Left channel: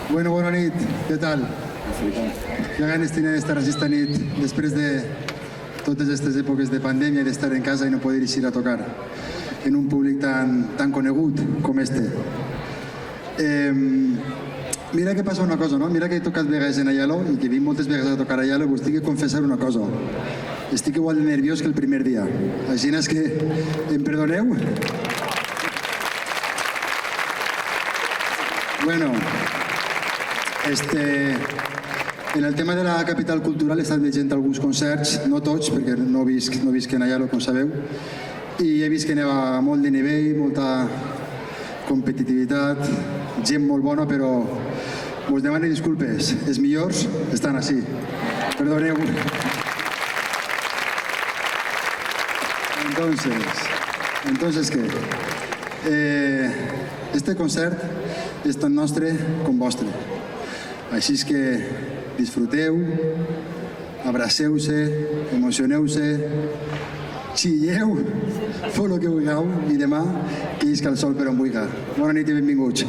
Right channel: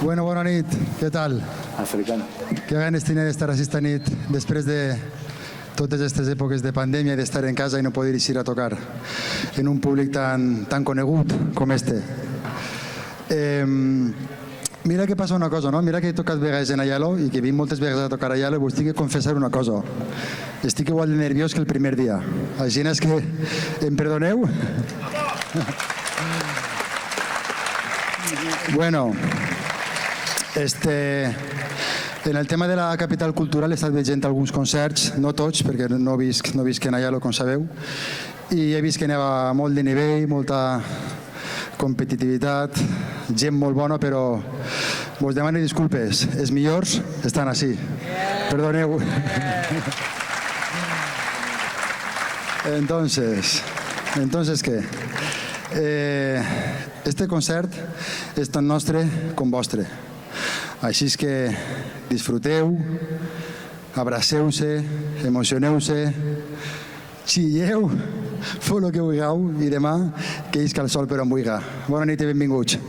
Bueno, bona nit, què tal? Que ganes tiene de estar esta nit després de totes aquestes èpoques de pandèmia, d'estar en casa i no poder eixir a tocar en un públic tan conegut com este. Mira que passa una cosa, no? Mira que he tocat vegades en Ayalo i que vinc moltes vegades a tocar a Ayalo, us tinc que confessar una cosa. Estic igual de nerviós que el primer dia. Així és que em perdoneu? Bueno, en el tema de la capital cultural he estat veient alguns concerts, no tots, perquè no visc en Ayalo, com sabeu, i he vist que n'hi ha molt de nivell, molta competitivitat, gent molt bona, però us demano disculpes, els millors estan així. Perdoneu. Entonces, ¿qué? Este concert és tan nostre com vostre. Així és que disfruteu, abraceu-se, emocioneu-se, xilleu, feu el que vulgueu i demà que isca el sol per on vulgui. Bona nit i benvinguts.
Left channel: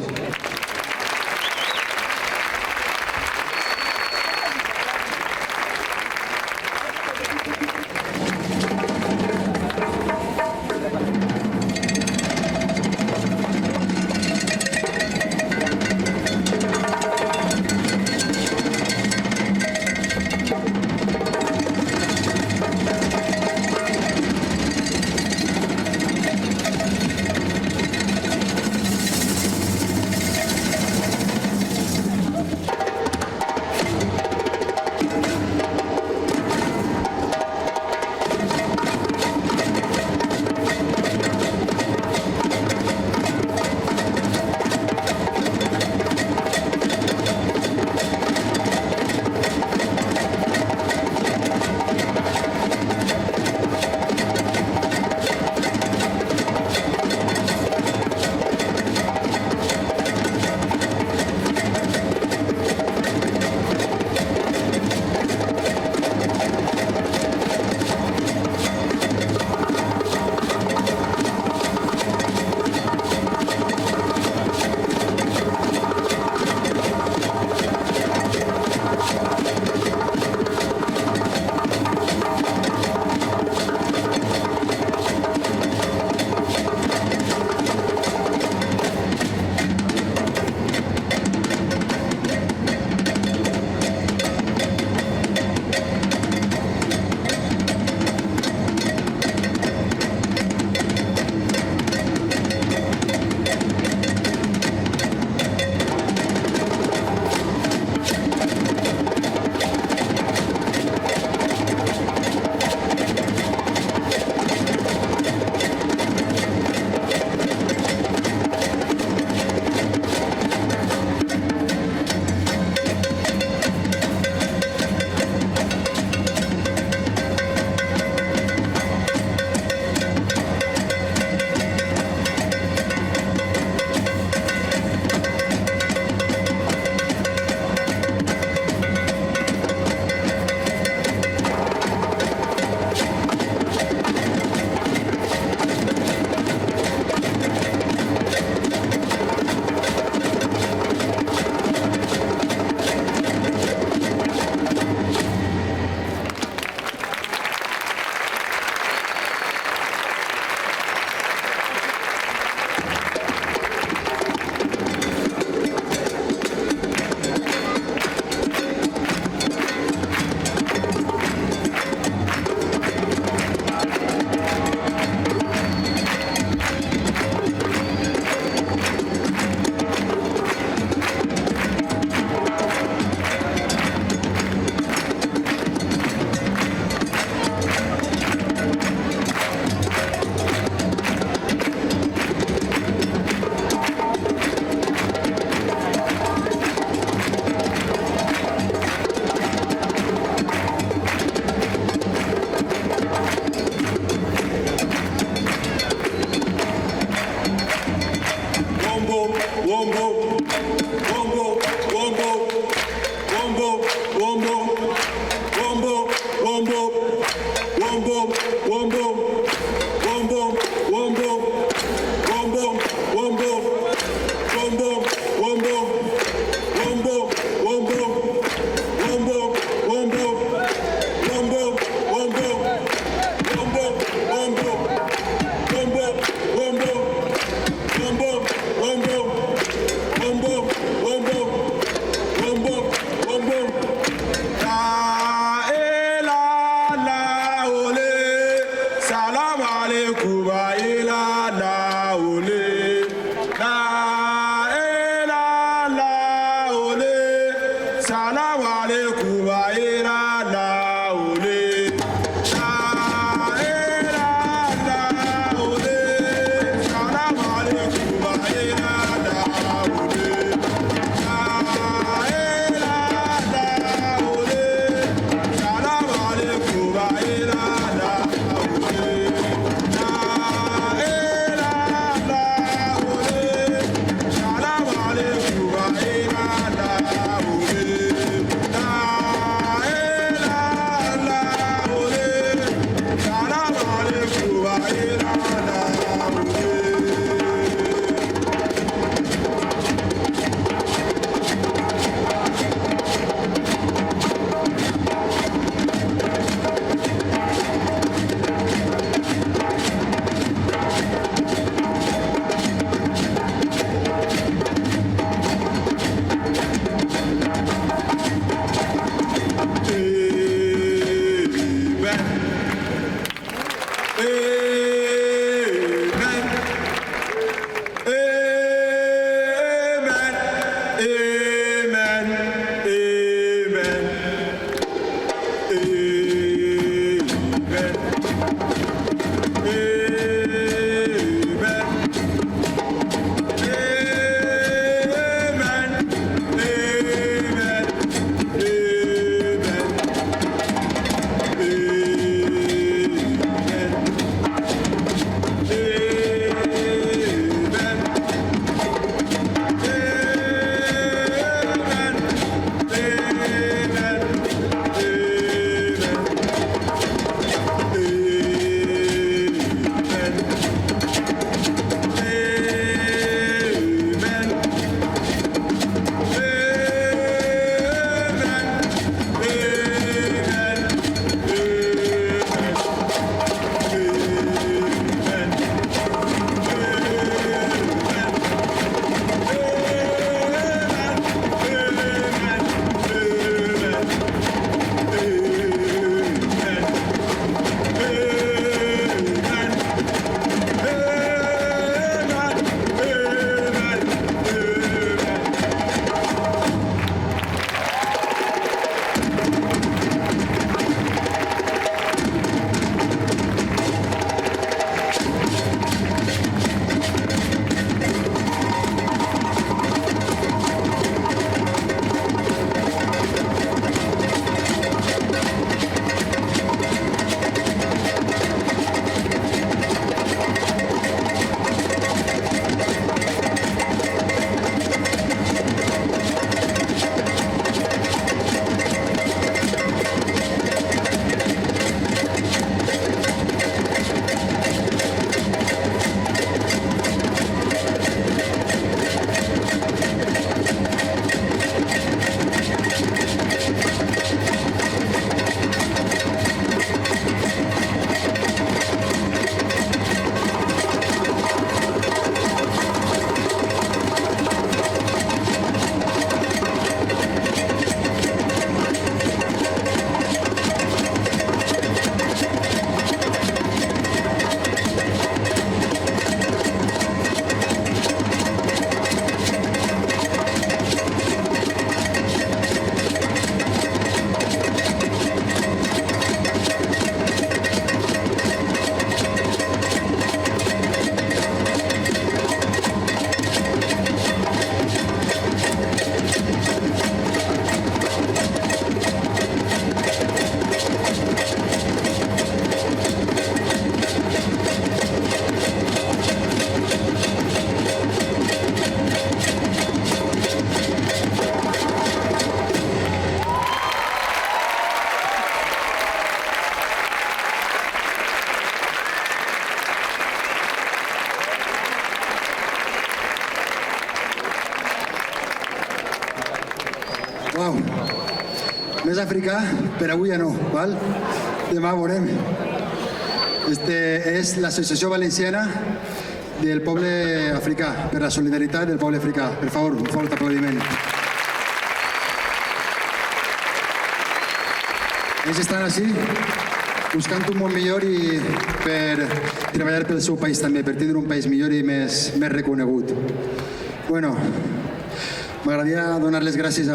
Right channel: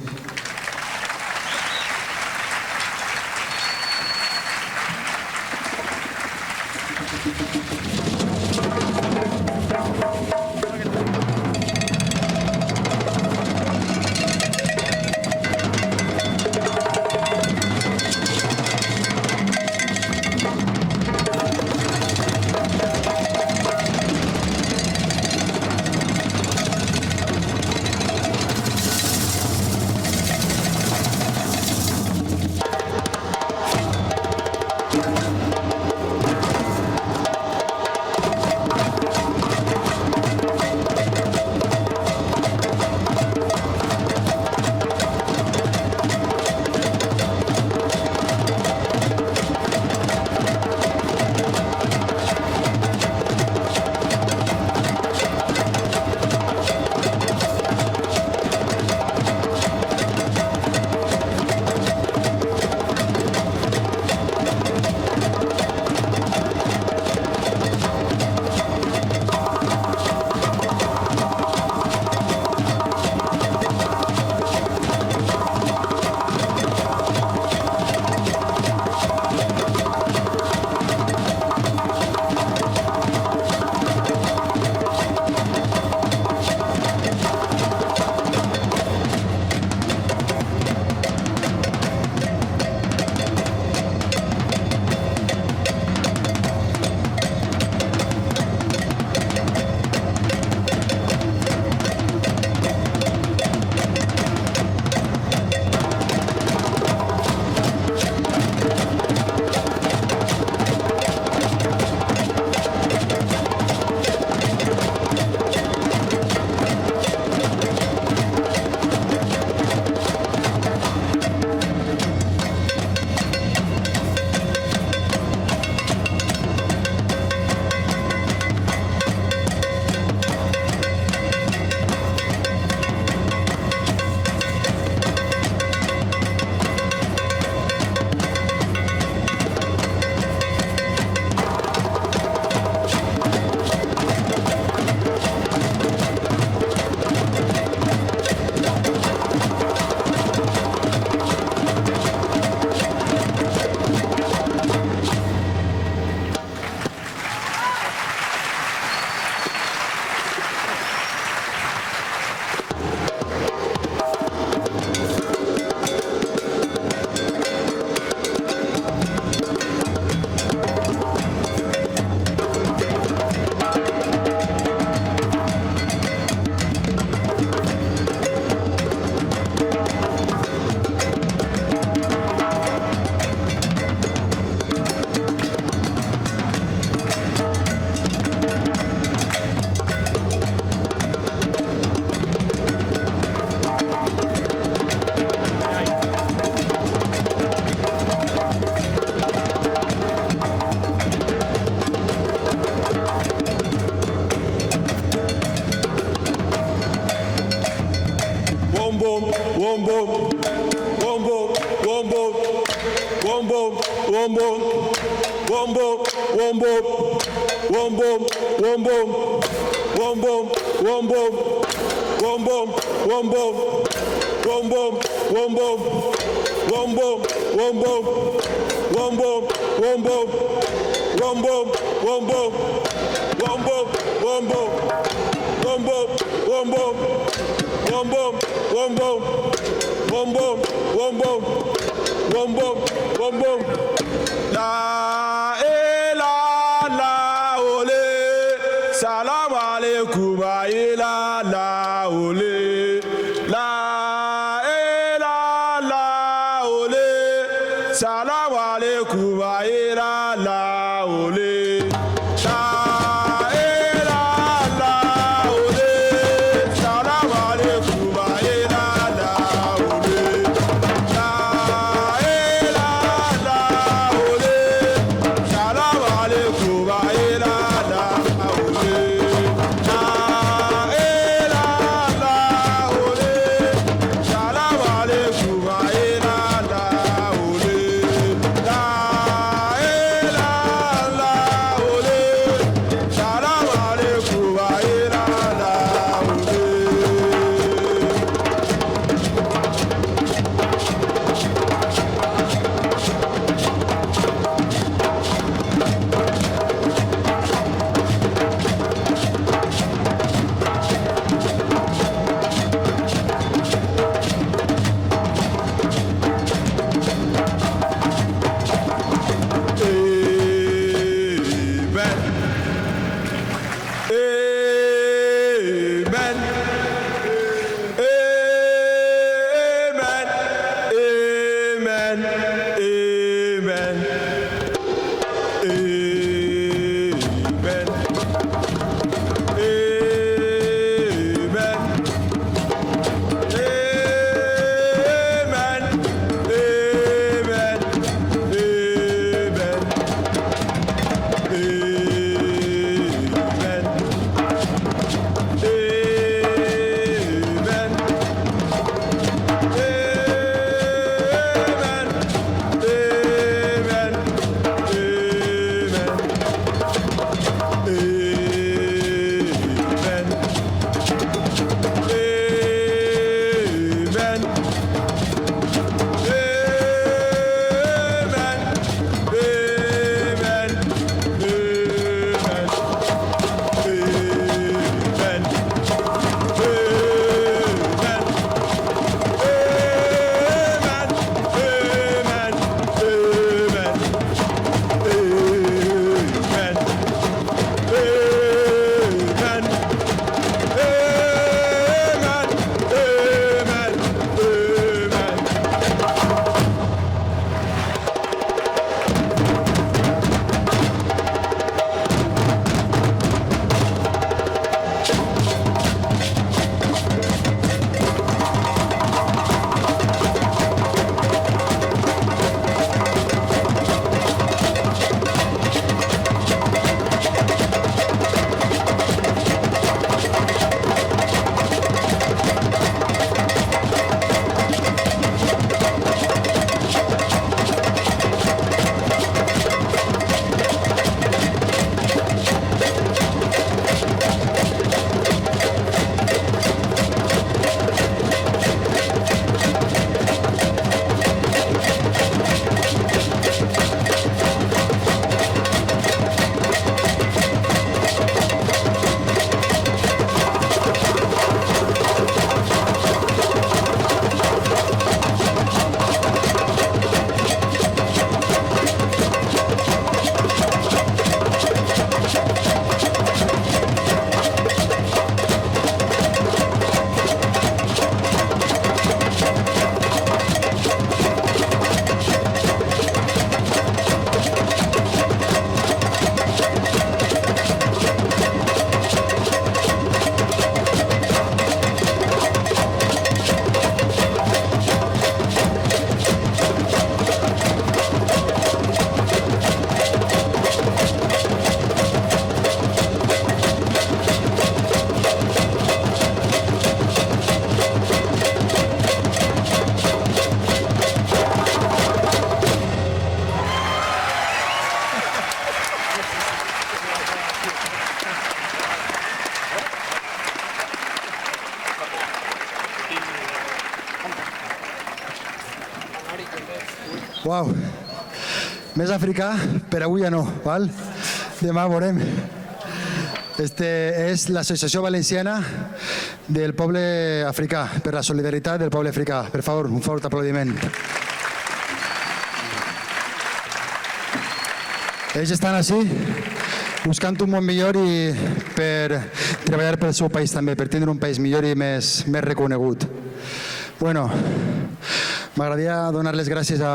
Uau. Més africà, però avui ja no, val? Demà veurem. És l'Associació Valenciana del Poble Africà, per la solidaritat del poble africà. Per favor, un fort aplaudiment. Ells estan així, buscant un món millor i per treballar pel seu país també, per tenir un país millor i més reconegut. Bueno, m'agradaria donar les gràcies a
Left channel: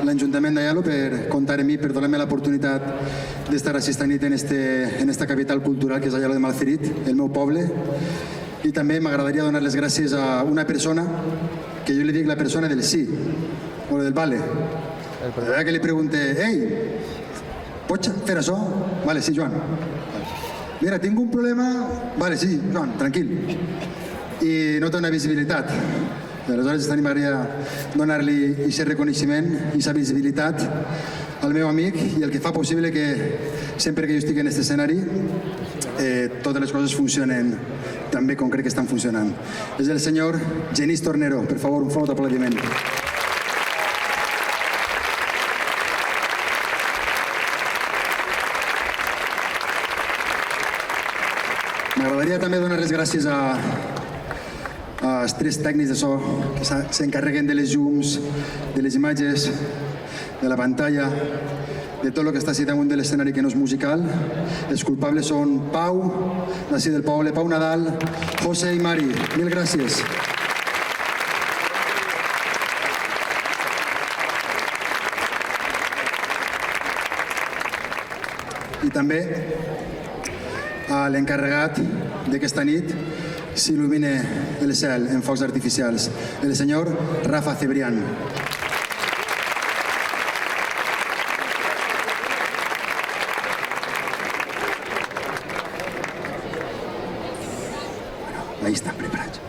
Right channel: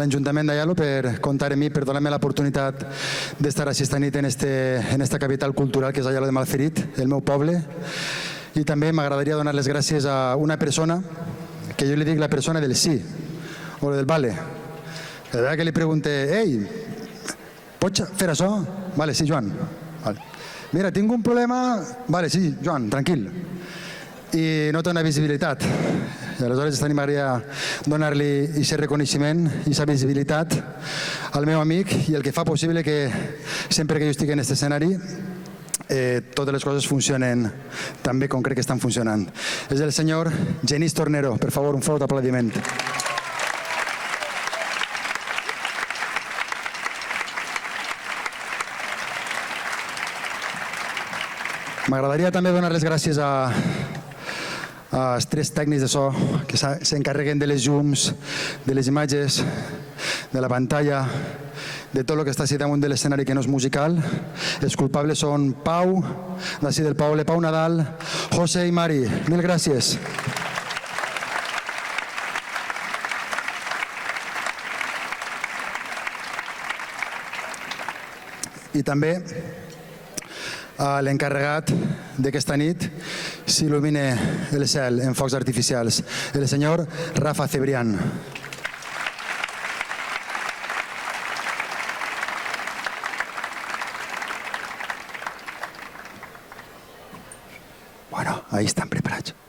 l'Ajuntament d'Aielo per comptar amb mi, per donar-me l'oportunitat d'estar així esta nit en esta capital cultural que és Aielo de Malferit, el meu poble. I també m'agradaria donar les gràcies a una persona que jo li dic la persona del sí, o del vale. La vegada que li pregunte, ei, pots fer això? Vale, sí, Joan. Mira, tinc un problema... Vale, sí, Joan, tranquil. I no tota visibilitat. Aleshores també m'agradaria donar-li aquest reconeixement, aquesta visibilitat al meu amic i el que fa possible que sempre que jo estic en aquest escenari totes les coses funcionen tan bé com crec que estan funcionant. És el senyor Genís Tornero. Per favor, un fort aplaudiment. M'agradaria també donar les gràcies als tres tècnics de so que s'encarreguen de les llums, de les imatges, de la pantalla, de tot el que està així damunt de l'escenari que no és musical. Els culpables són Pau, Narcís del Poble, Pau Nadal, José i Mari. Mil gràcies. I també a l'encarregat d'aquesta nit s'il·lumina el cel en focs artificials, el senyor Rafa Cebrián. Bueno, ahí están preparados.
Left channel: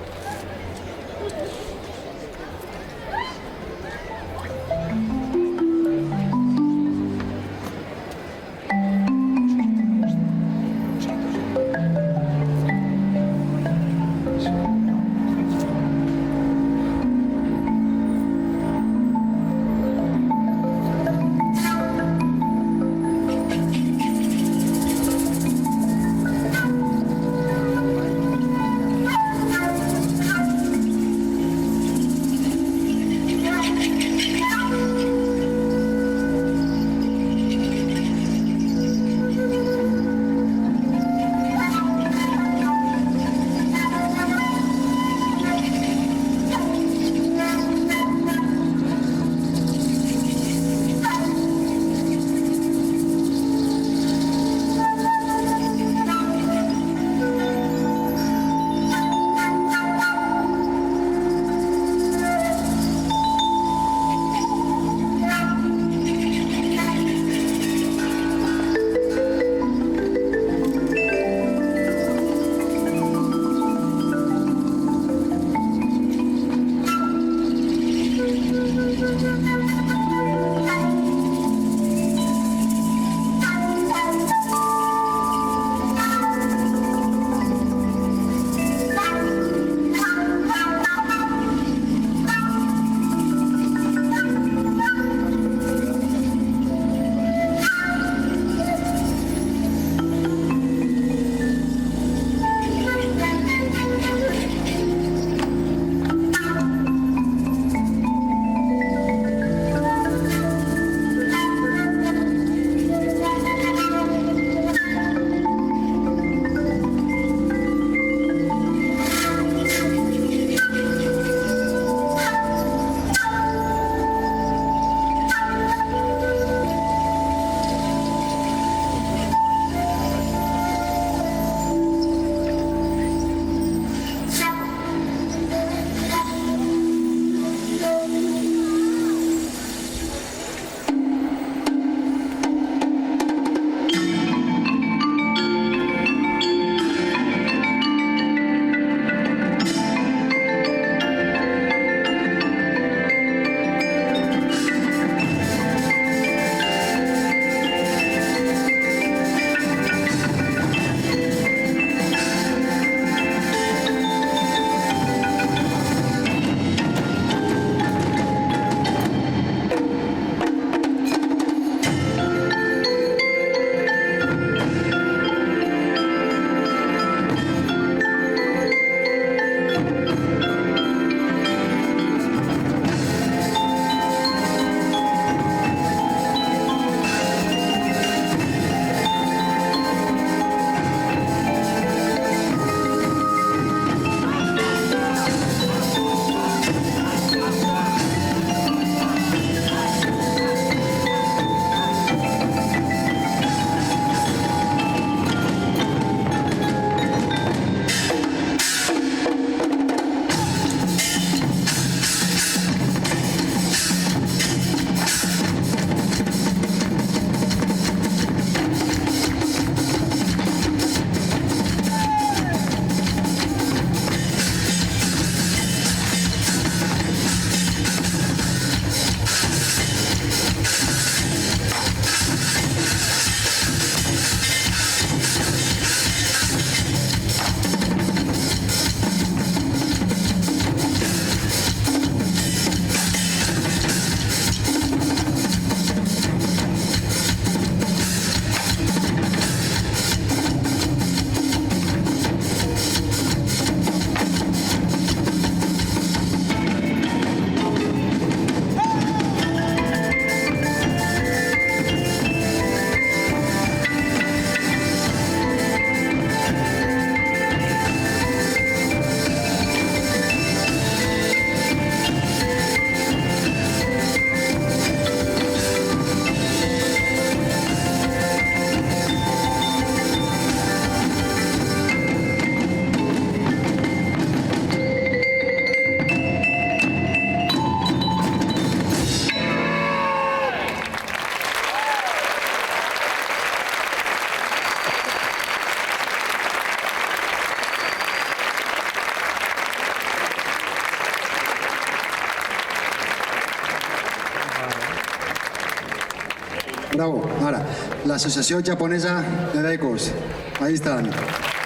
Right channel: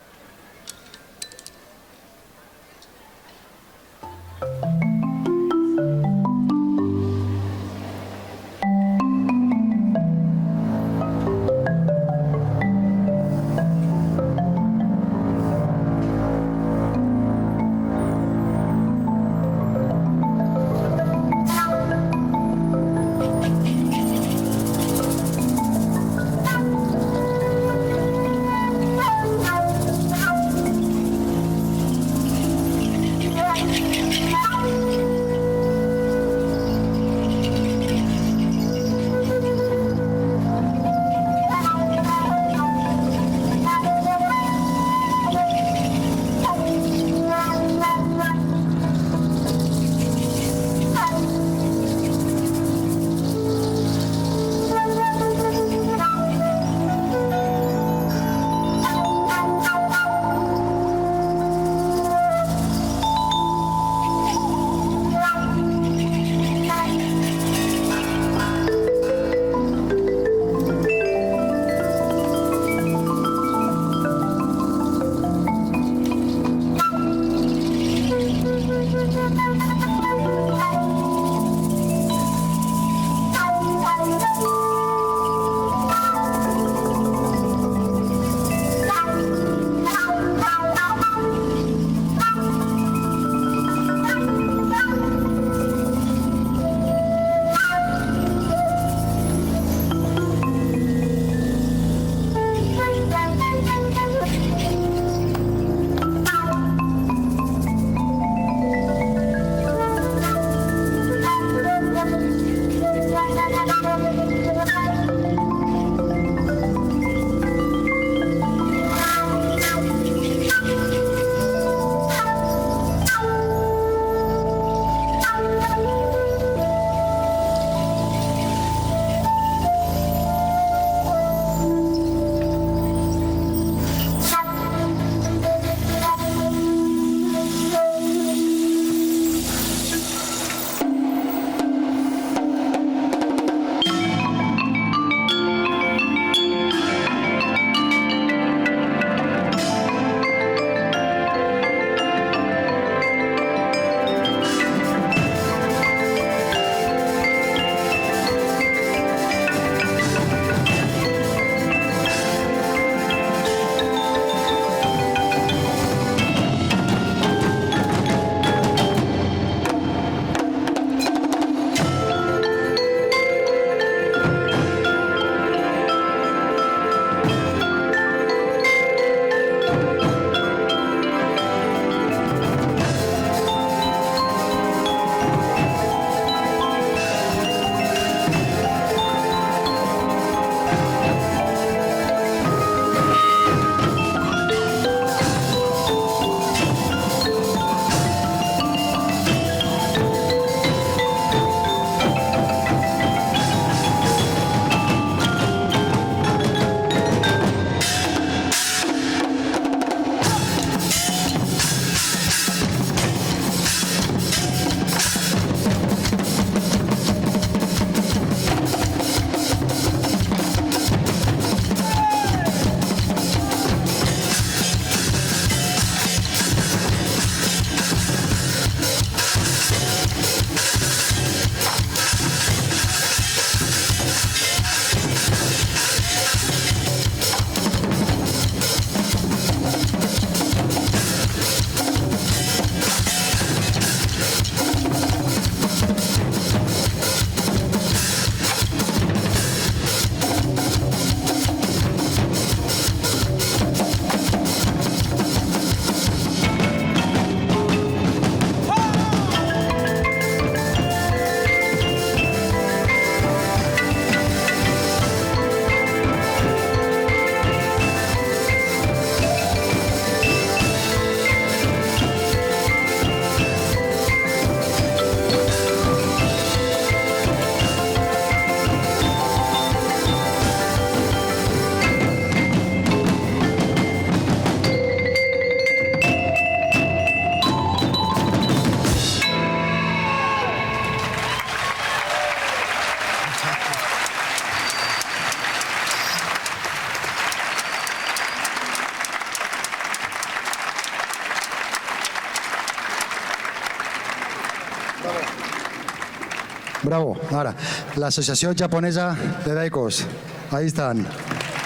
Bravo. Ahora, la Asociación Japonesa de Ecos. Ahí están.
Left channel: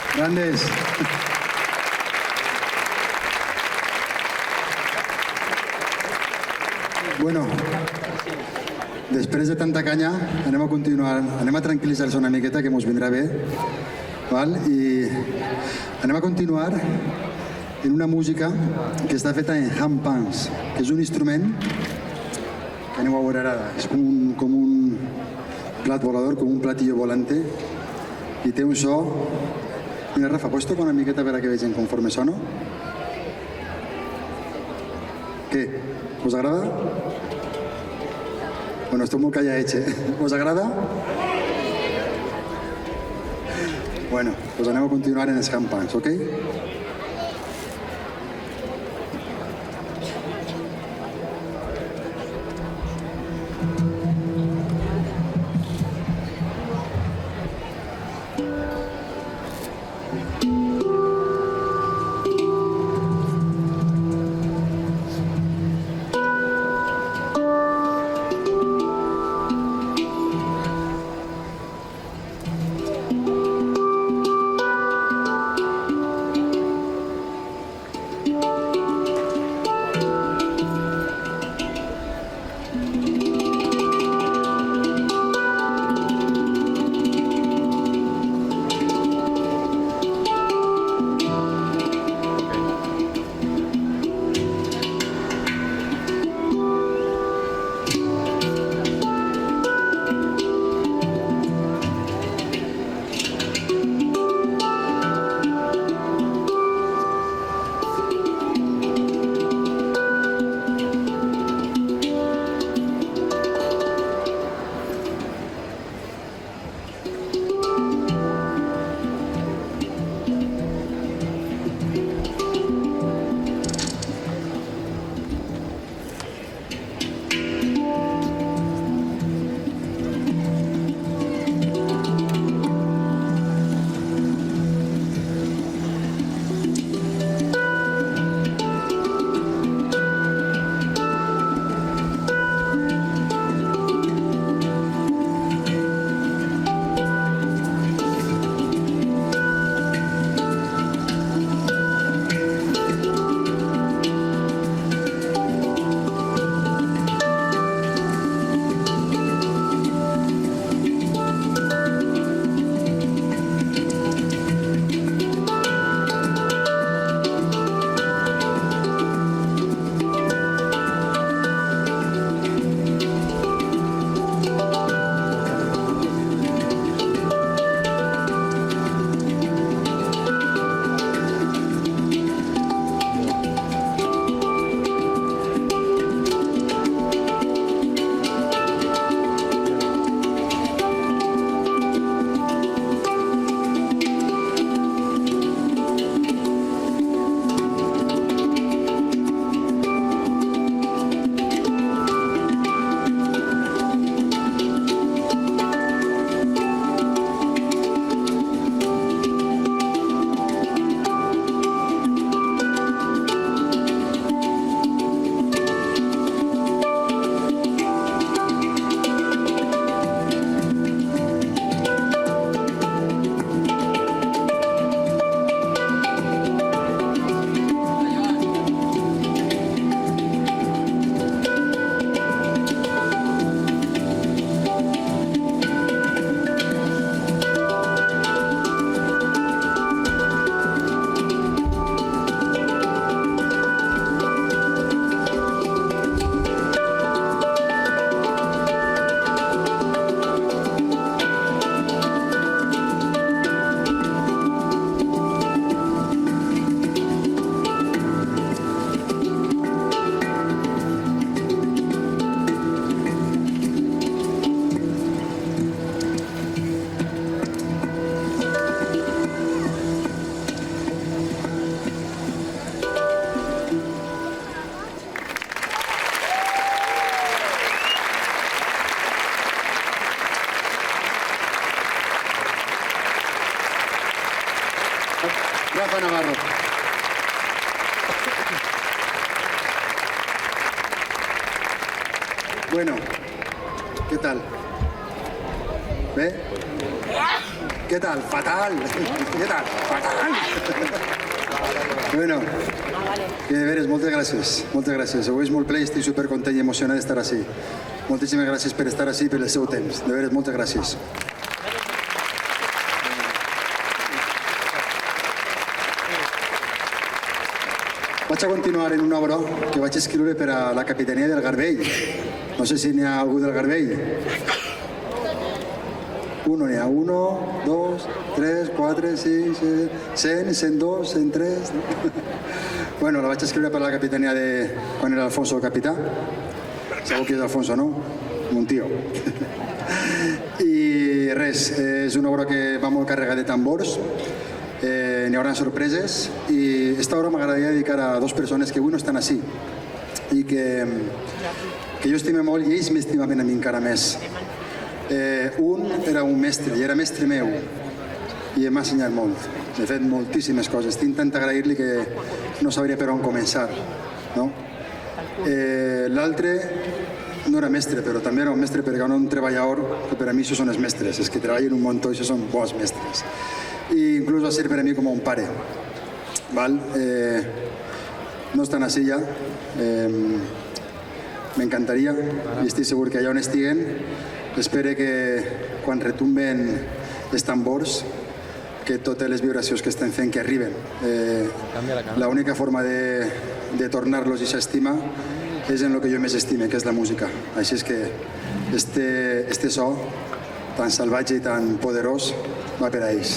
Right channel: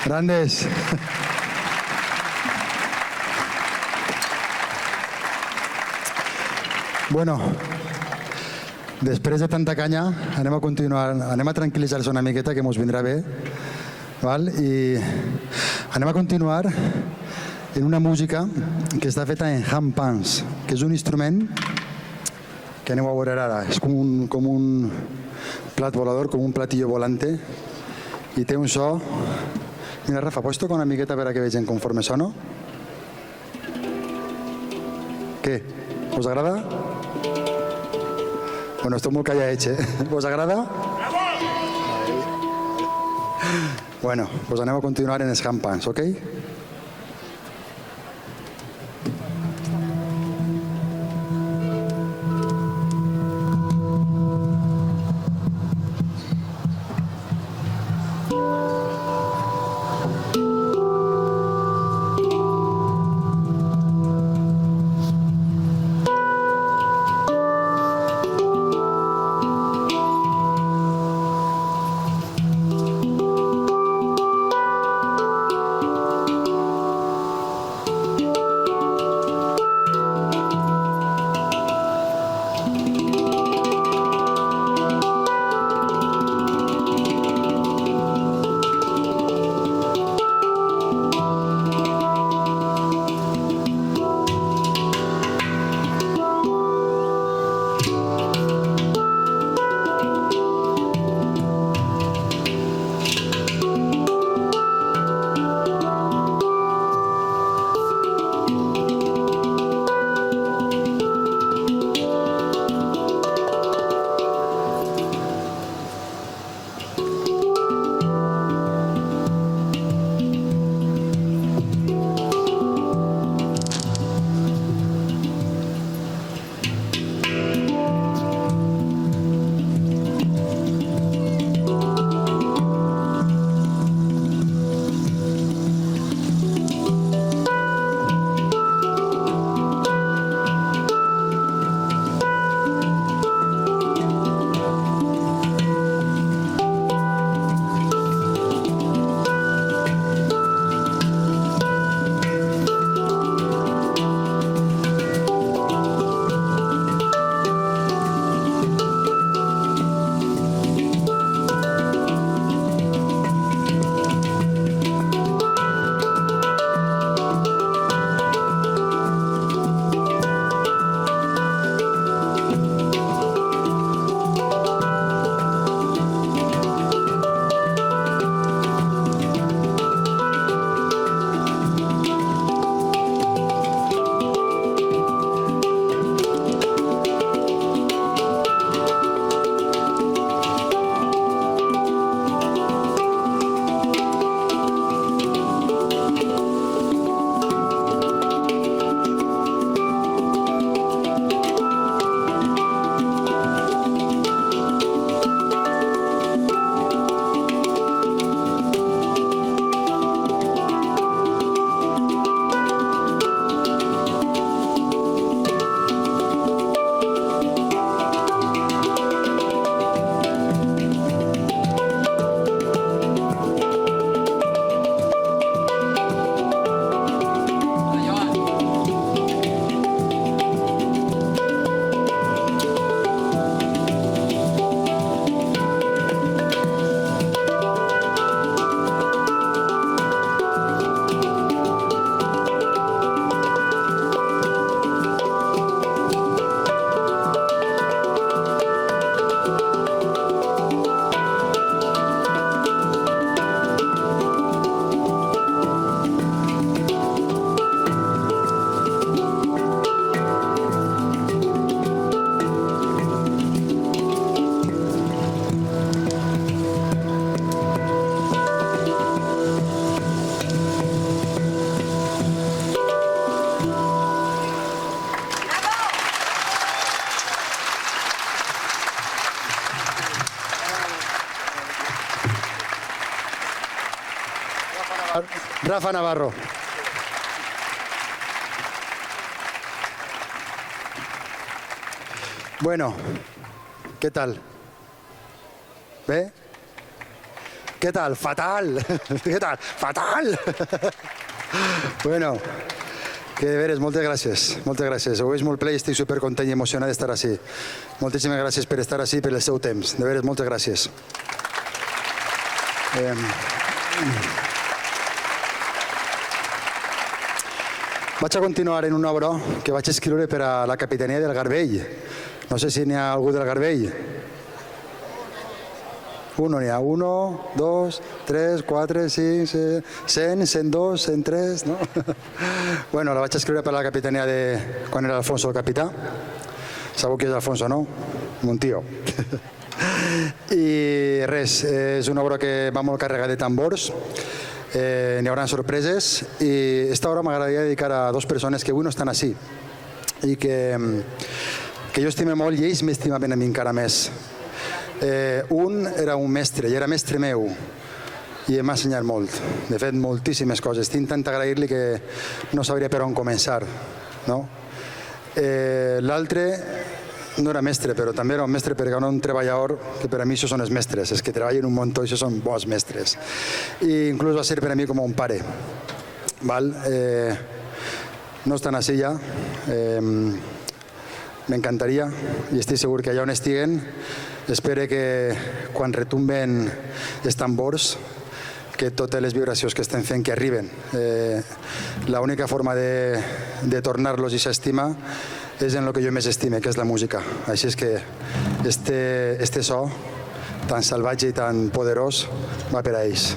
Grandes. Bueno, després de tanta canya, anem a continuar, anem a tranquil·litzar-nos una miqueta, que mos vindrà bé, val? I anem a continuar en una música que està feta en handpans, que és un instrument que anem a veure ara, és com un plat volador, com un platillo volante, i té un so. Rafa, pots tocar una miqueta per a que vegin conforme sona? Què? Us agrada? Bueno, esto muy calladets, ¿Os agrada? Bueno, pues anem a continuar en els handpans, ¿ok? Rafa Navarro. Bueno, ¿qué tal? Bé? Què tal? Fatal! Què tal? Fatal! Bueno, moltes gràcies. Moltes gràcies. Avui és molt ple i estic supercontent i emocionat d'estar així. Moltíssimes gràcies per estar així i per el seu temps. De veritat, moltes gràcies. Vaig a continuar en una obra que vaig escriure per a la Capitania del Garbell. No sé si n'hi ha algú del Garbell. N'hi ha 1, 2, 3, 4, 5, 100, 102, 103... Bueno, la vaig escriure per a la Capitania de... quan era Alfonso capità. Sabeu qui és Alfonso, no? Un tio. I res, és una obra que va molt carregada de tambors. N'hi haurà sorpreses i aquesta obra m'agradaria dedicar a 2 persones que avui no estan així i que jo estime molt i ells m'estimaven encara més. Un era un mestre i era mestre meu i m'ha ensenyat molt, de fet moltíssimes coses. Tinc tanta agrair que no sabré per on començar. L'altre no era mestre, però també era un mestre perquè era un treballador que per a mi això són els mestres, els que treballen un munt, això són bons mestres. I inclús va ser per a mi com un pare. No estan així ja, m'encantaria, i estic segur que allà on estiguen, espero que quan retumben els tambors, que totes les vibracions que estem fent que arriben. L'única forma de tornar-los i s'estimar és en el que jo més estime, que és la música. Així és que este so tan salvatge i tan poderós va per a ells.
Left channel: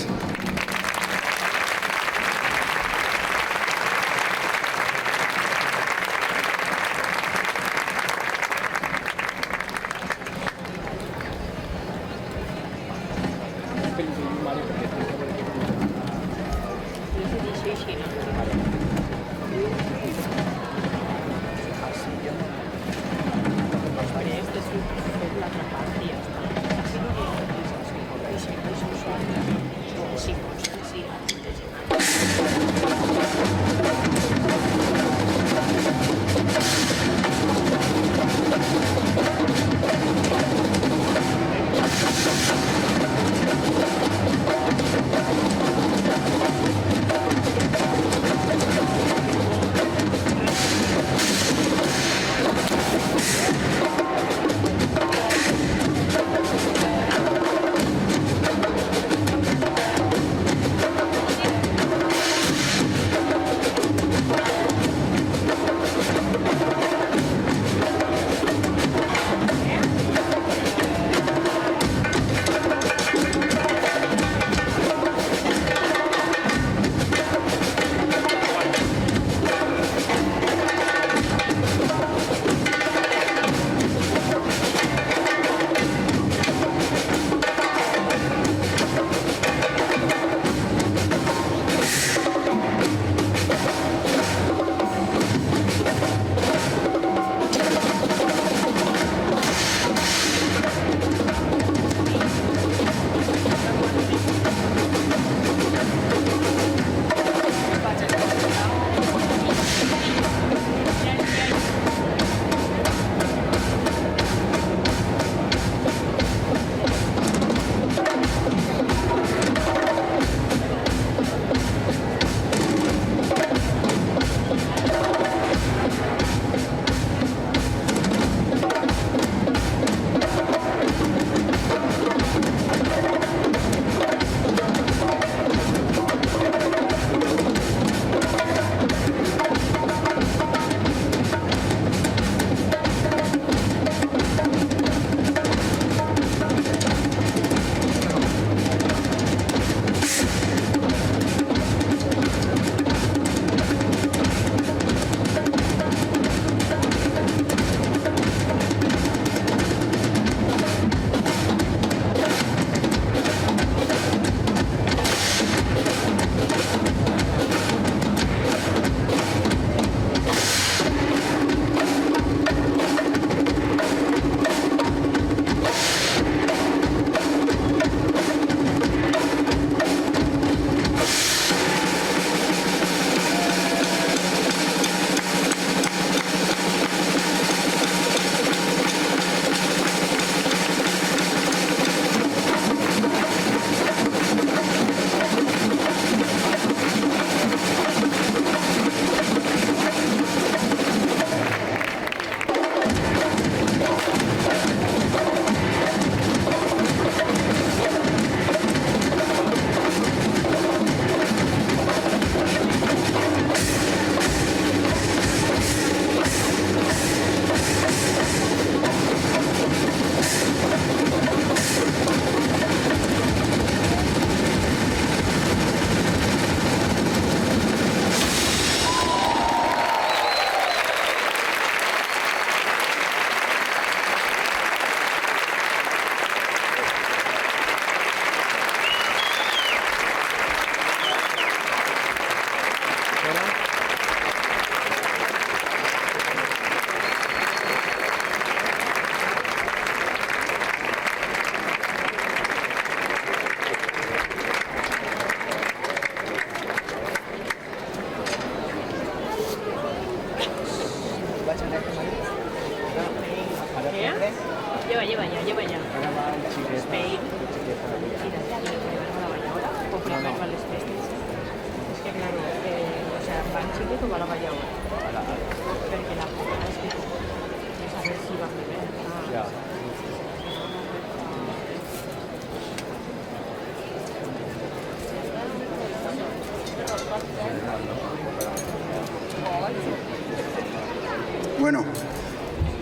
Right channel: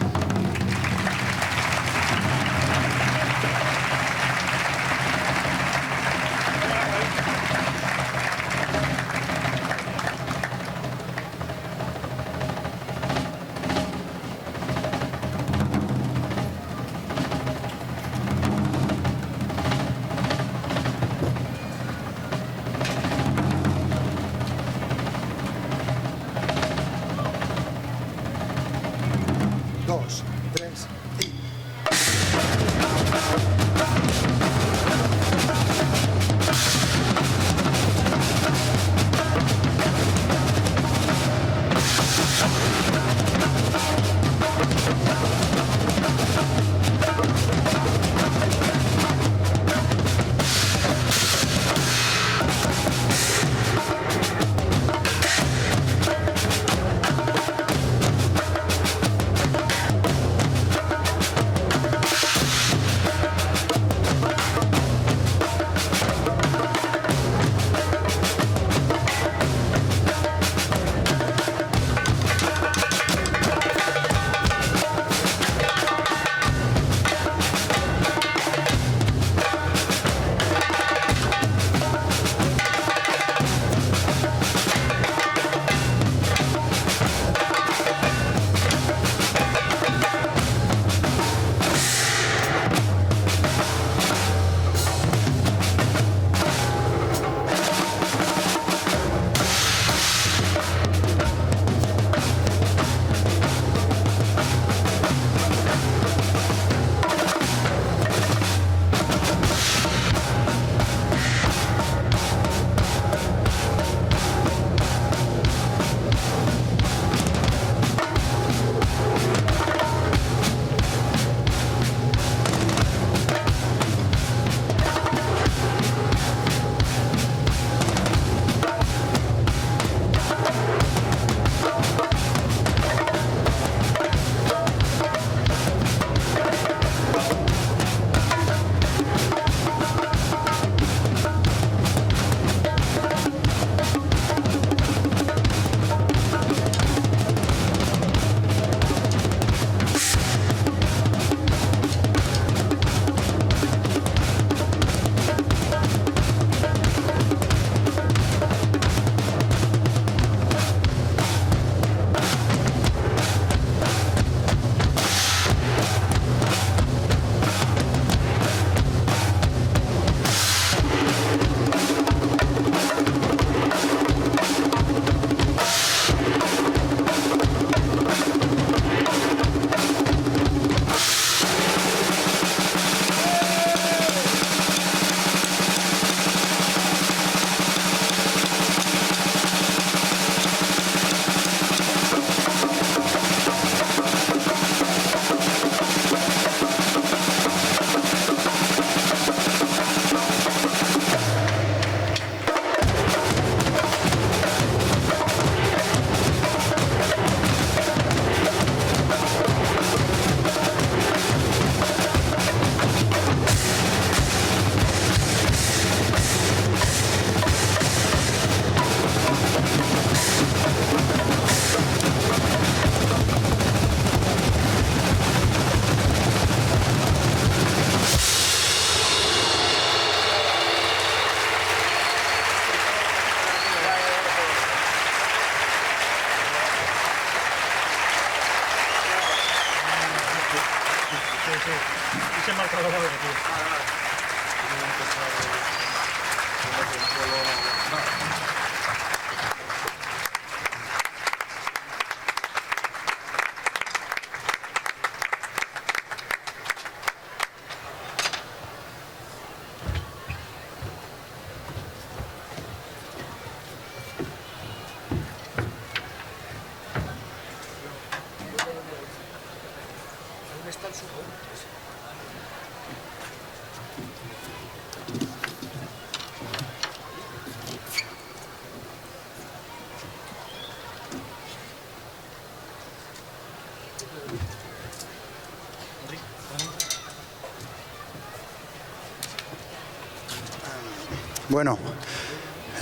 Bueno,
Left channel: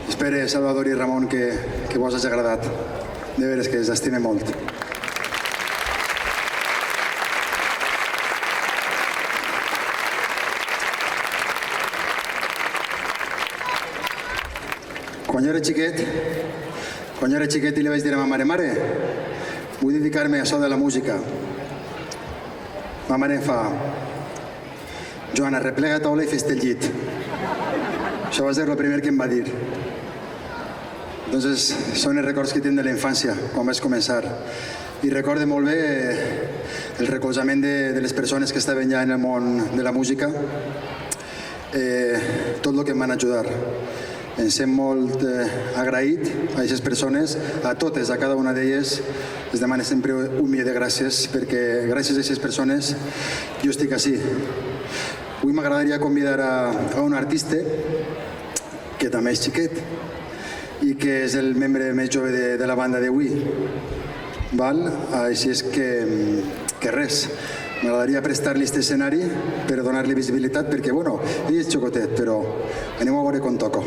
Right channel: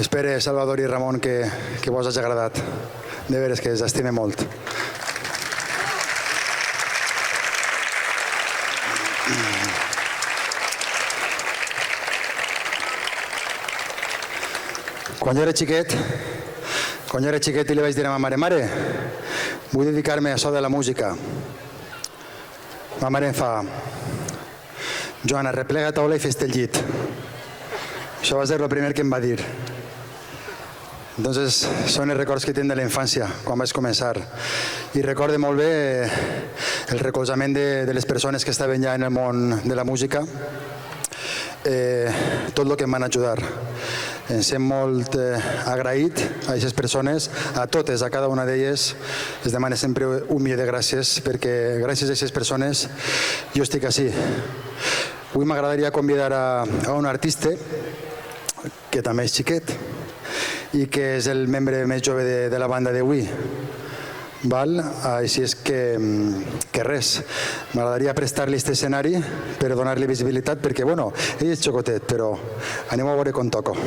espero, Salvador i Ramon, que vos hagi agradat. De veres que us estime molt. Quan jo era xiquet i li vaig dir a ma mare, vull dedicar-me a això de la música. Ma mare em fa, Joan, arreplega la taula i fes-te el llit. Això va ser el primer que em va dir. Entonces, són els records que tinc de la infància, quan vaig començar. I recordo molt bé el recolzament de les persones que estaven ja en el món de la música, tot el que em van ajudar. Em sent molt agraït a aquestes persones, a totes, a cada una d'elles. Es demana sempre un milió de gràcies, perquè gràcies a aquestes persones jo estic així. Avui m'agradaria convidar a un artista que també és xiquet i que és el membre més jove de la banda d'avui. Així és que res, m'agradaria prestar-li aquest escenari per donar-li visibilitat perquè, bueno, ell és xocotet, però anem a veure com toco.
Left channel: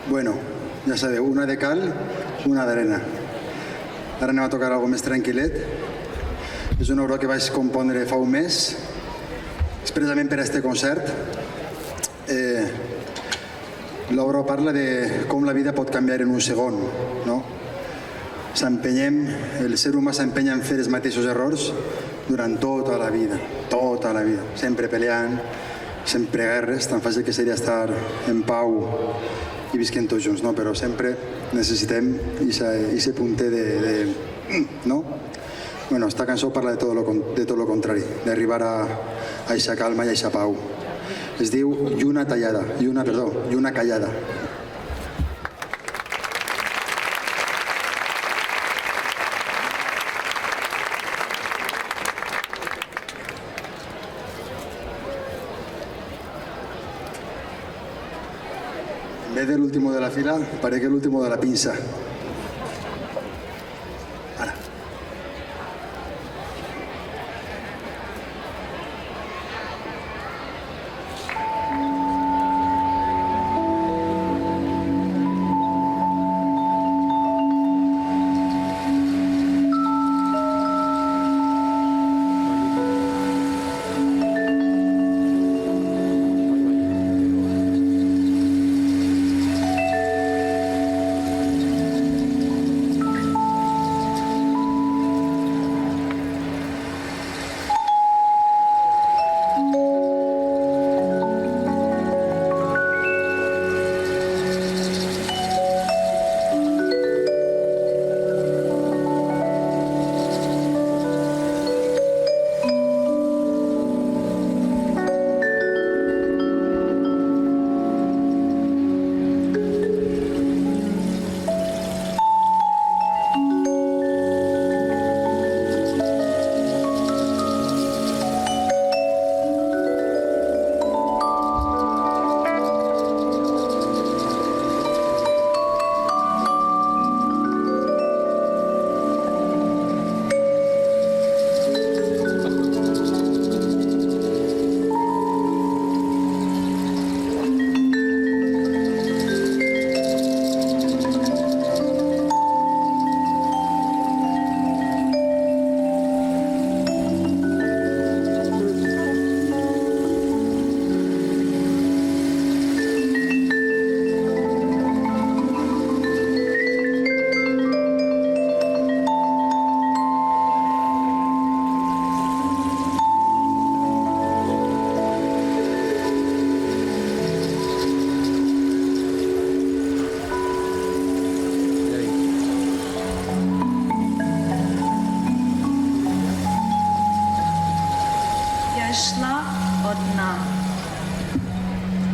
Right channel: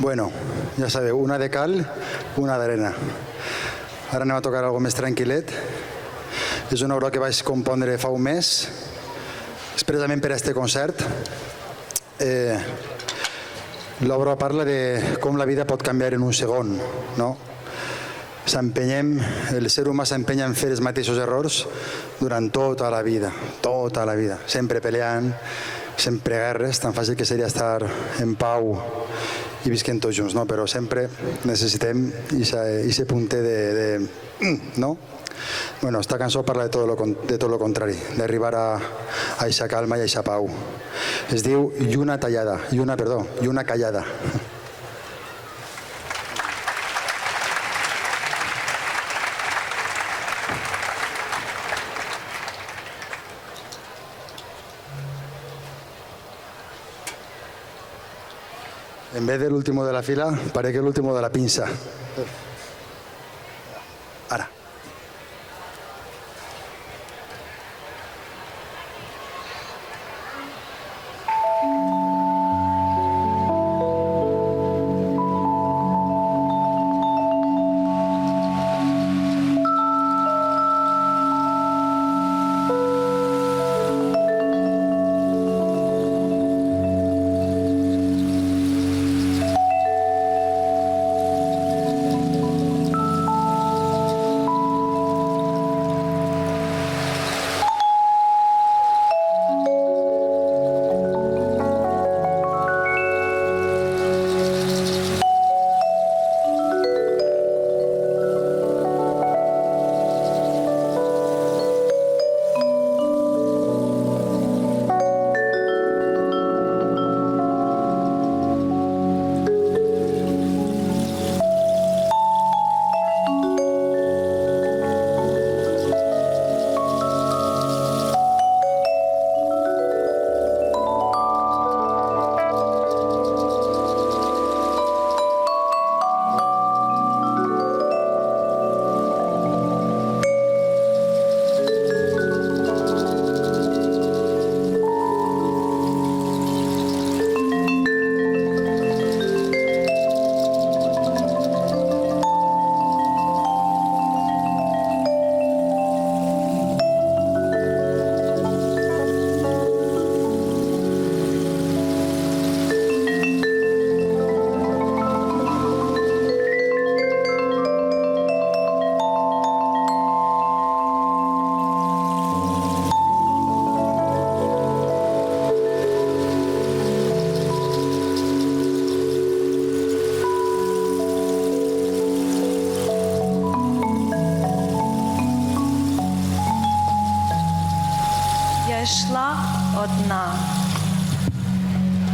Bueno, ja sabeu, una de cal, una d'arena. Ara anem a tocar alguna més tranquil·let. És una obra que vaig compondre fa un mes, especialment per a aquest concert. L'obra parla de com la vida pot canviar en un segon, no? S'empenyem, el ser humà s'empenya en fer els mateixos errors durant tota la vida, sempre peleant, sempre guerres, tan fàcil que seria estar en pau i visquem tots junts, no? Però sempre necessitem aquest punt de... no? Bueno, esta cançó parla de tot el contrari, d'arribar a aquesta calma i aquesta pau. Es diu Lluna callada. En vez del último de la fila, parece el último de la pinza. Ara.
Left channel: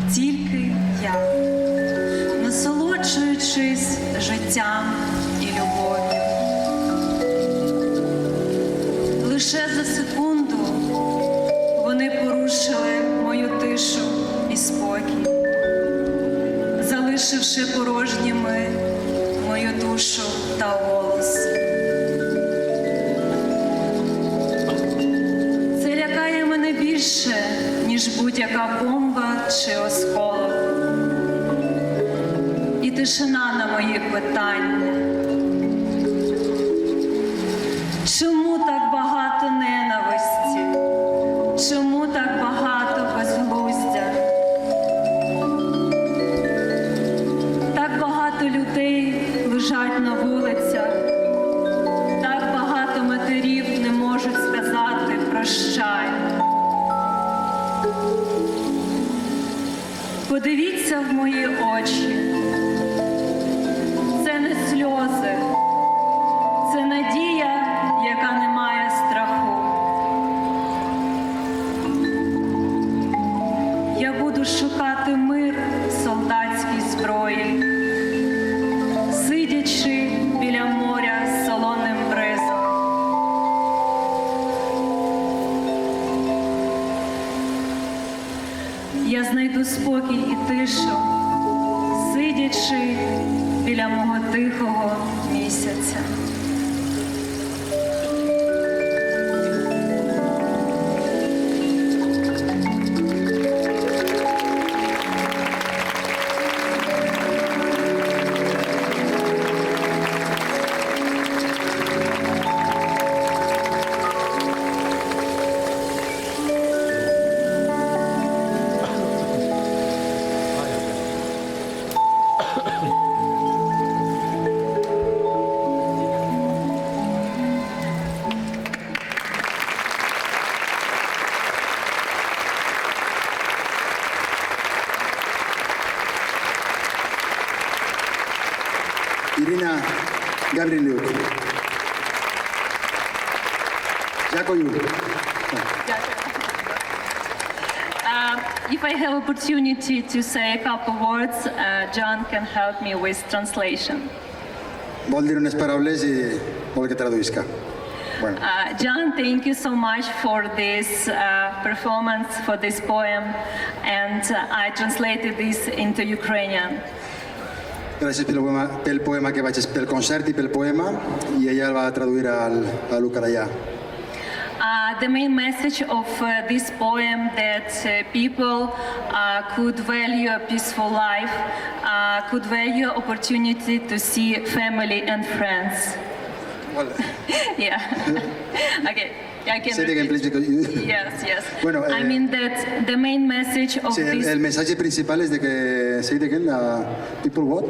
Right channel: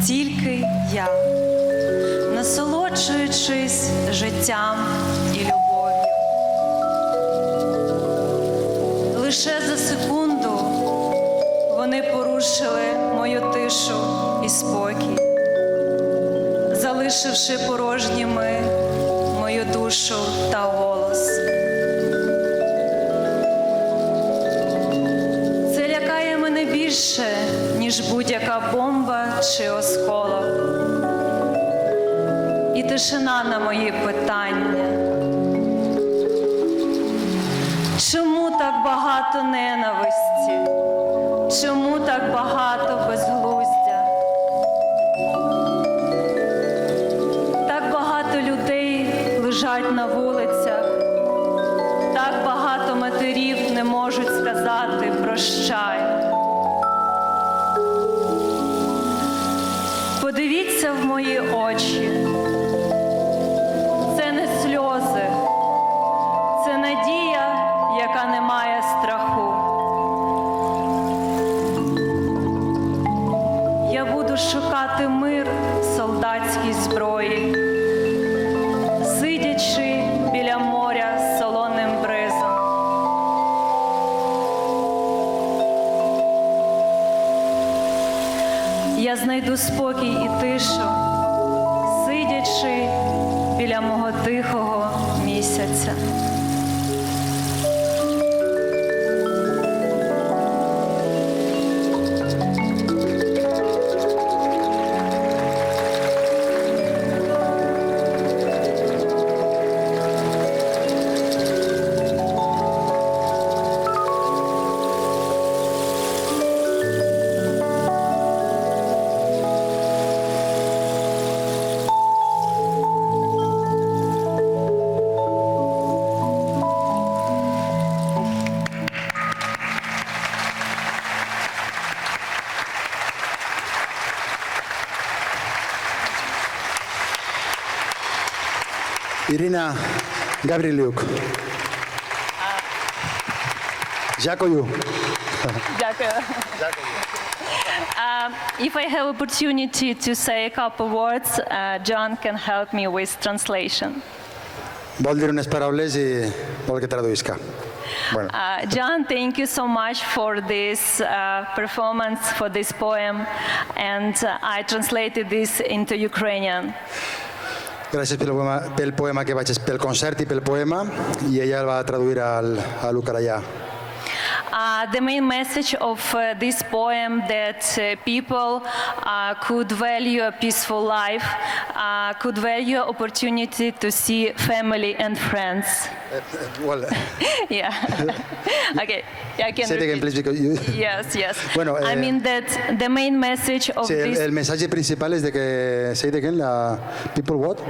Тільки я, насолоджуючись життям і любов'ю. Лише за секунду вони порушили мою тишу і спокій, залишивши порожніми мою душу та голос. Це лякає мене більше, ніж будь-яка бомба чи осколок. І тишина на мої питання. Чому так багато ненависті? Чому так багато безглуздя? Так багато людей лежать на вулицях. Так багато матерів не можуть сказати «прощай». Подивіться в мої очі. Це не сльози, це надія, яка не має страху. Я буду шукати мир в солдатській зброї, сидячи біля моря з солоним бризом. Я знайду спокій і тишу тиші біля мого тихого місяця. Ірина Гаврилюк. Дякую. If I have opportunity to say a couple words, John can help me with translation. Vol dir unes paraules i vol que traduïsca. Bueno. John, thank you so much for this performance, for this poem, and I translated this into Ukrainian. Gràcies pel poema que vaig pel concert i pel poema, i ella va traduir al ucraïà. The main message of this poem that people could value a peaceful life, could value opportunity to see family and friends. Yeah. Okay. I can. Yes. Bueno, I mean that the main message of Sí, this, el missatge principal és de que seria que la people what?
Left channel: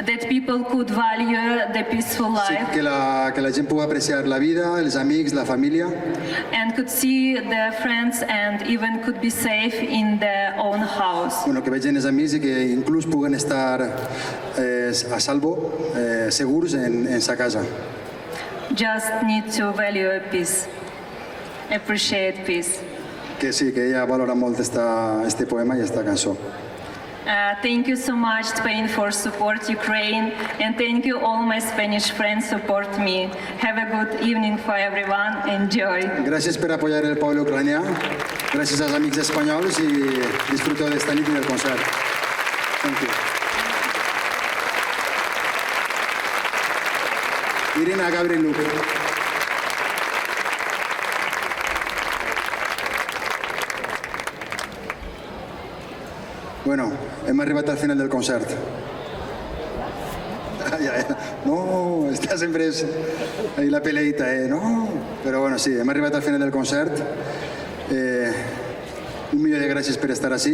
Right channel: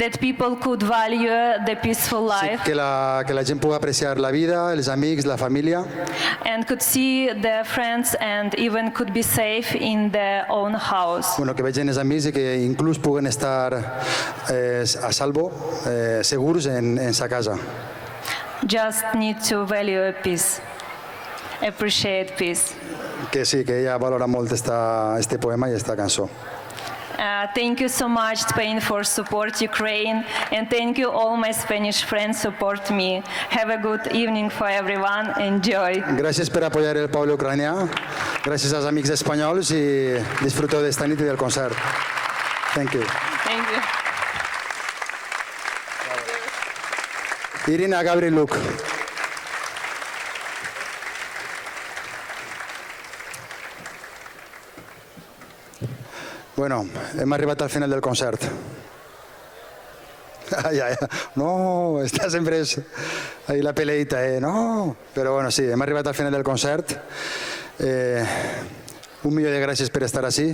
that people could value the peaceful life Que la gent pugui apreciar la vida, els amics, la família, and could see their friends and even could be safe in their own house. bueno, que vegin els amics i que inclús puguen estar a salvo, segurs en sa casa. Just need to value peace, appreciate peace. Que sí, que ella valora molt este poema i esta cançó. Thank you so much, Spain, for support Ukraine, and thank you all my Spanish friends support me. Have a good evening for everyone. Enjoy. Gràcies per apoyar el poble ucranià, gràcies als amics espanyols i disfruto d'esta nit i del concert. Thank you. Thank you. Irina Gavriluk. Bueno, hem arribat al final del concert. No, està sempre ahí la peleita, no. Però bueno, sí, hem arribat al final del concert. Un milió de gràcies per estar ací.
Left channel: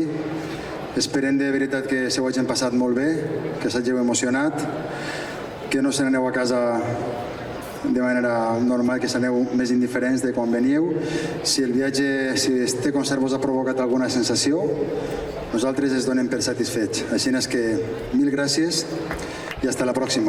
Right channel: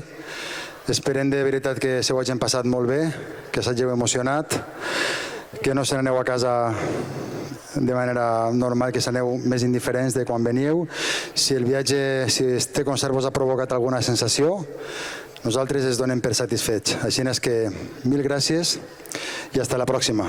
Esperem de veritat que s'ho hagin passat molt bé, que s'hàgiu emocionat, que no s'aneu a casa de manera normal, que s'aneu més indiferents de quan veniu. Si el viatge, si este concert us ha provocat alguna sensació, nosaltres ens donem per satisfets. Així és que mil gràcies i fins la pròxima.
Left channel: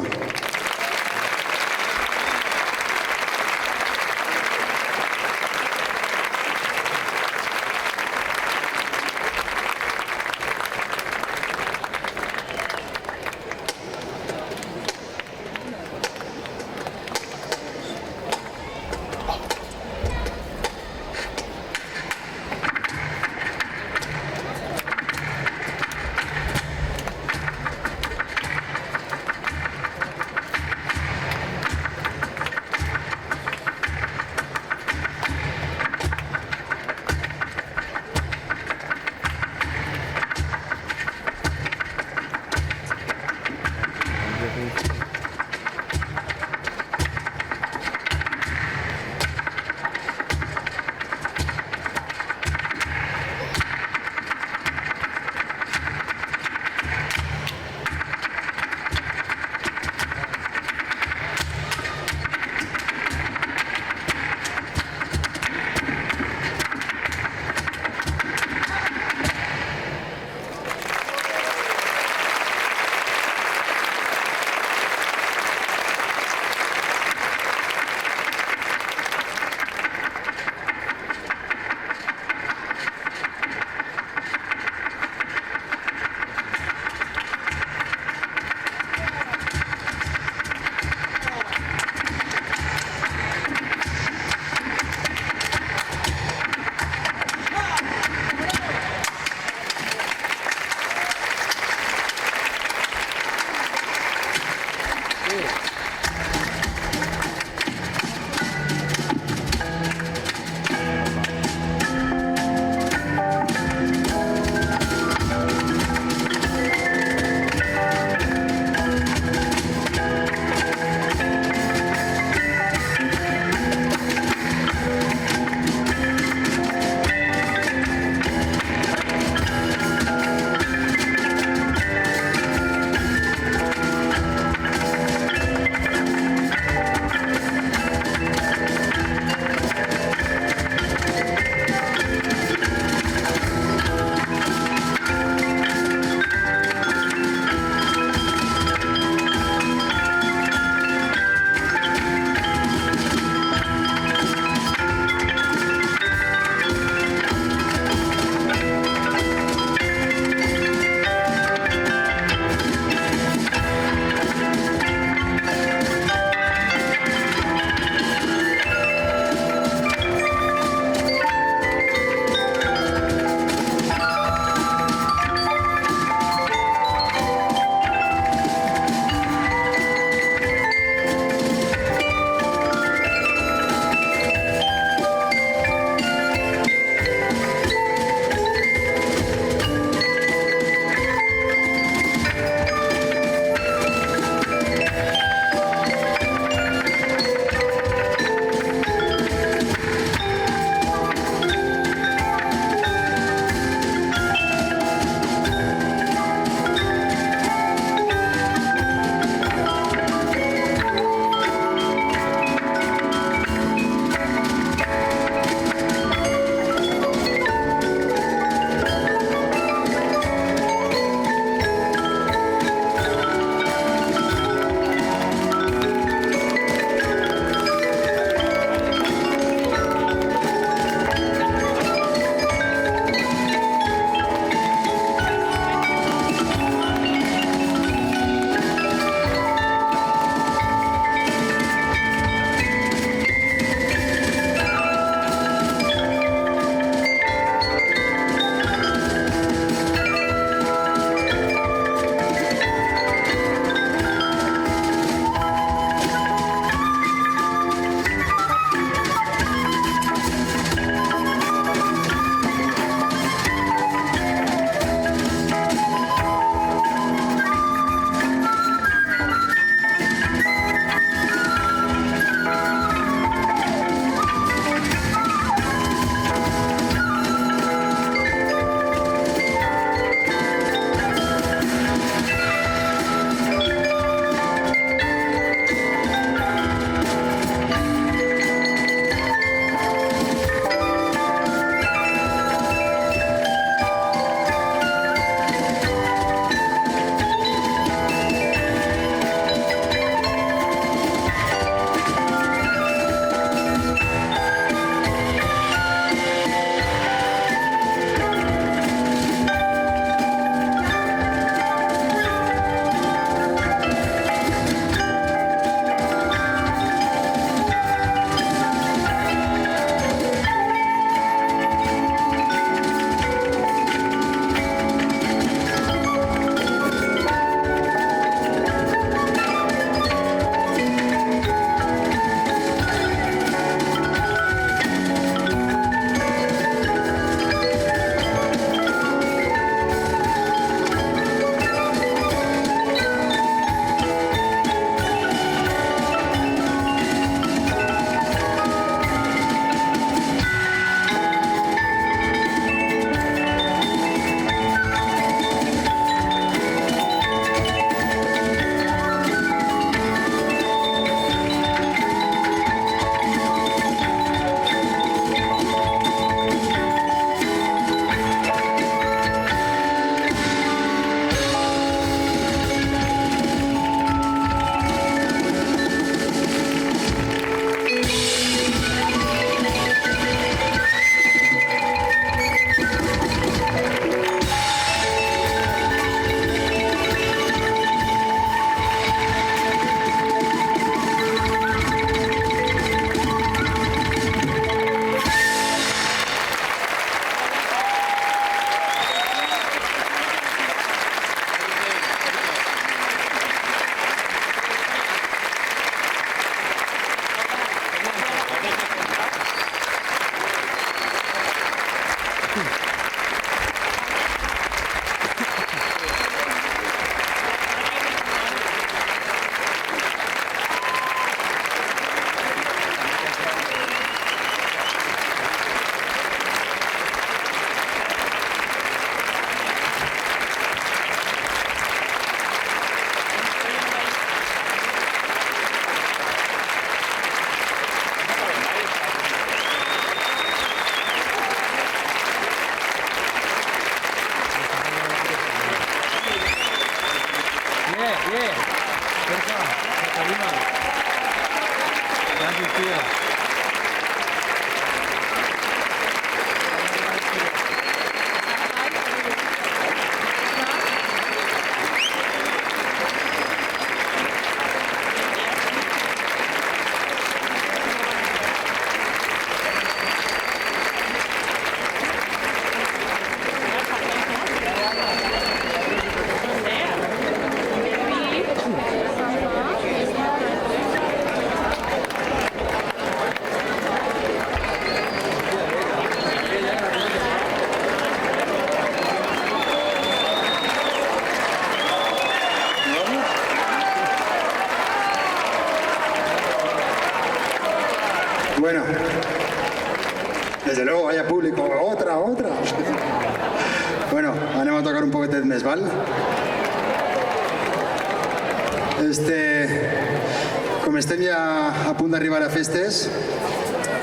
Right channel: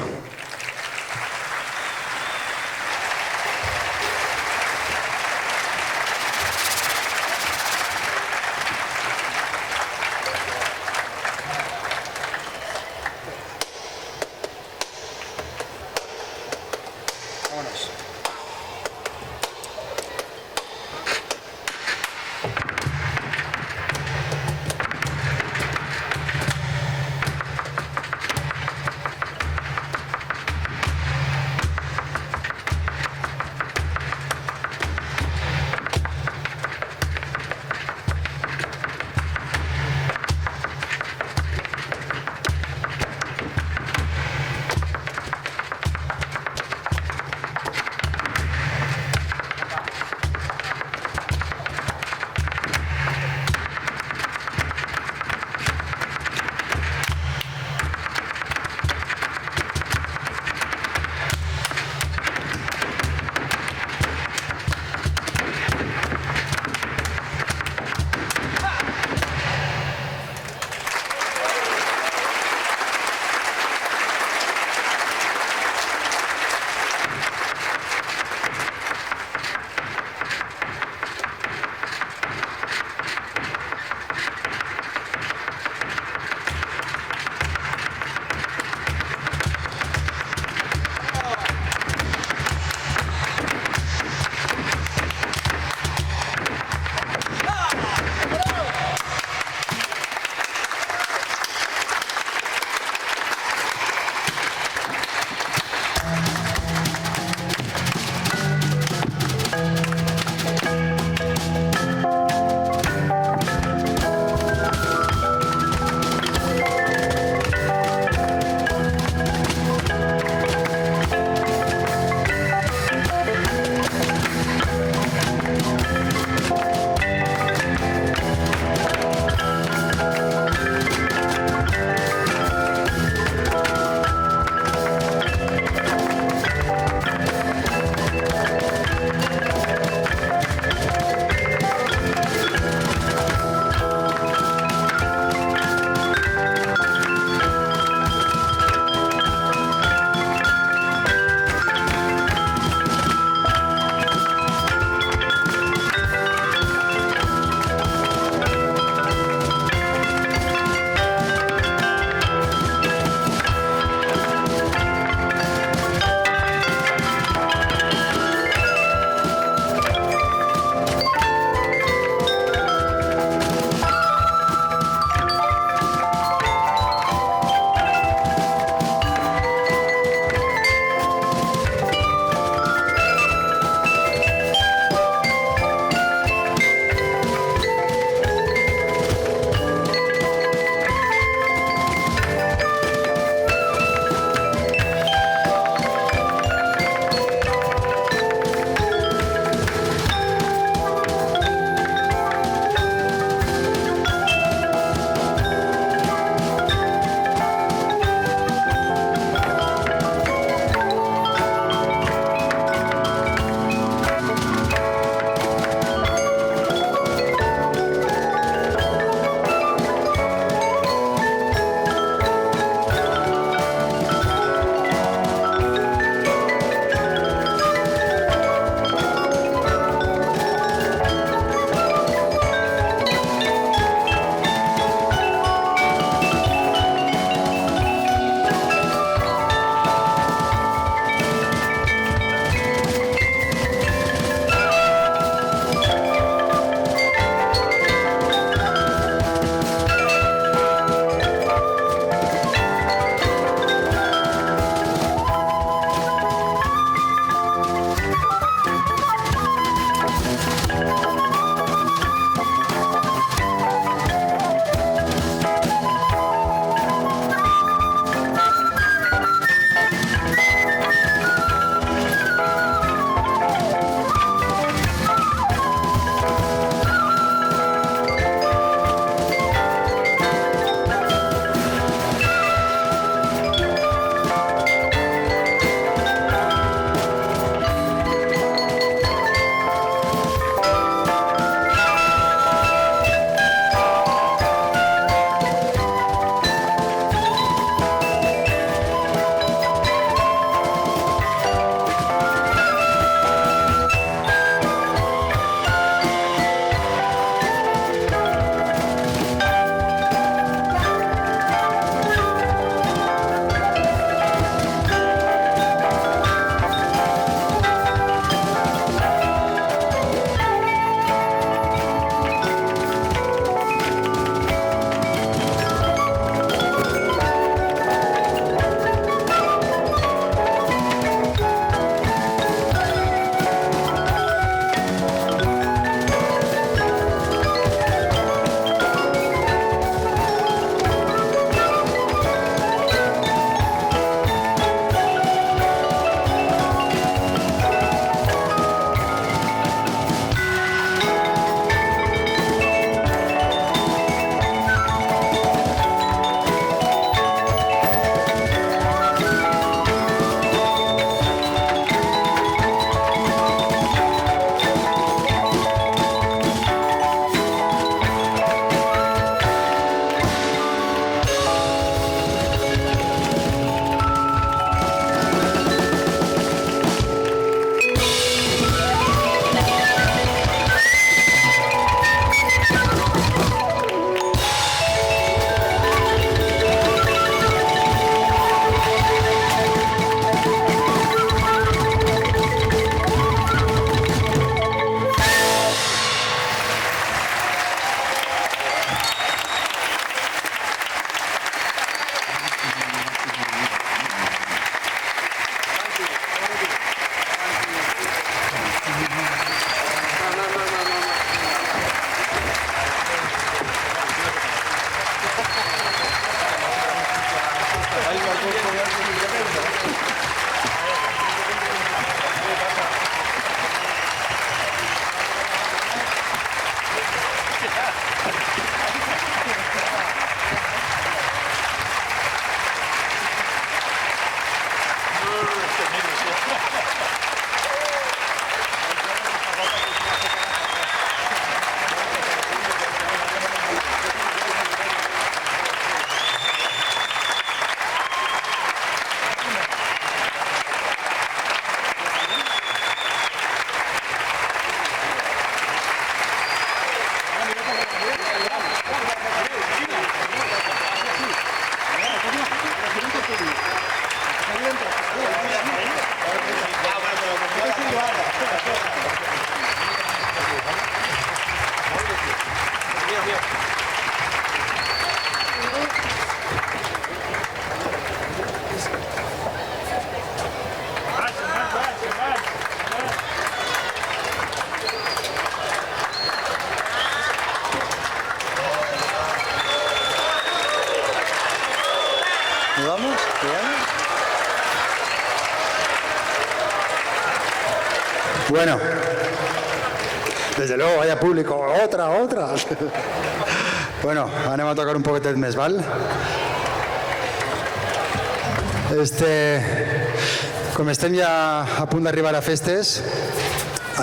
l'altra. Bueno, anem a tocar un poquet més, val? Com estem ja a punt d'arribar a festes,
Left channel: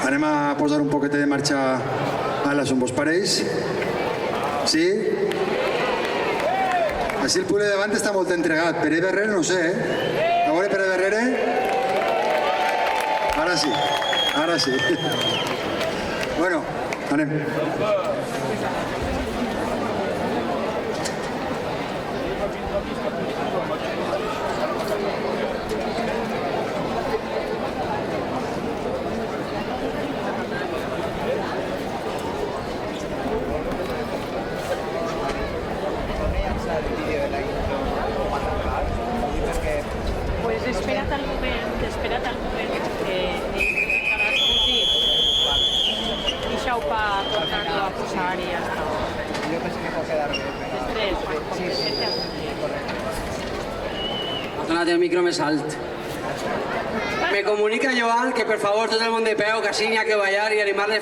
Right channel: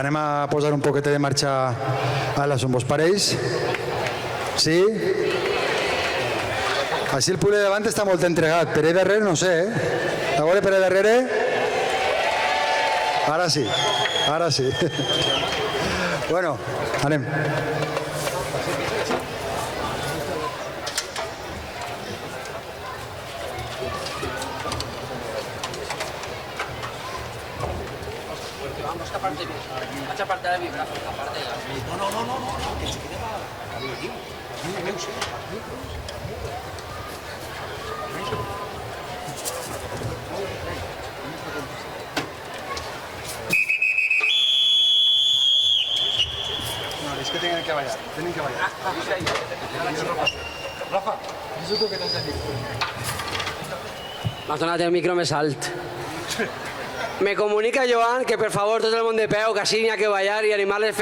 anem a posar un poquet de marxa a les meus parells. Sí? Així el pure davant està molt entregat, per ahí darrere no sé, eh? La veure per ahí darrere? Ara sí, ara sí. Bueno, anem. Ha donat el micro més alt. Me comunica Joan que per favor tot el món de peu, que així que vaya, que li mande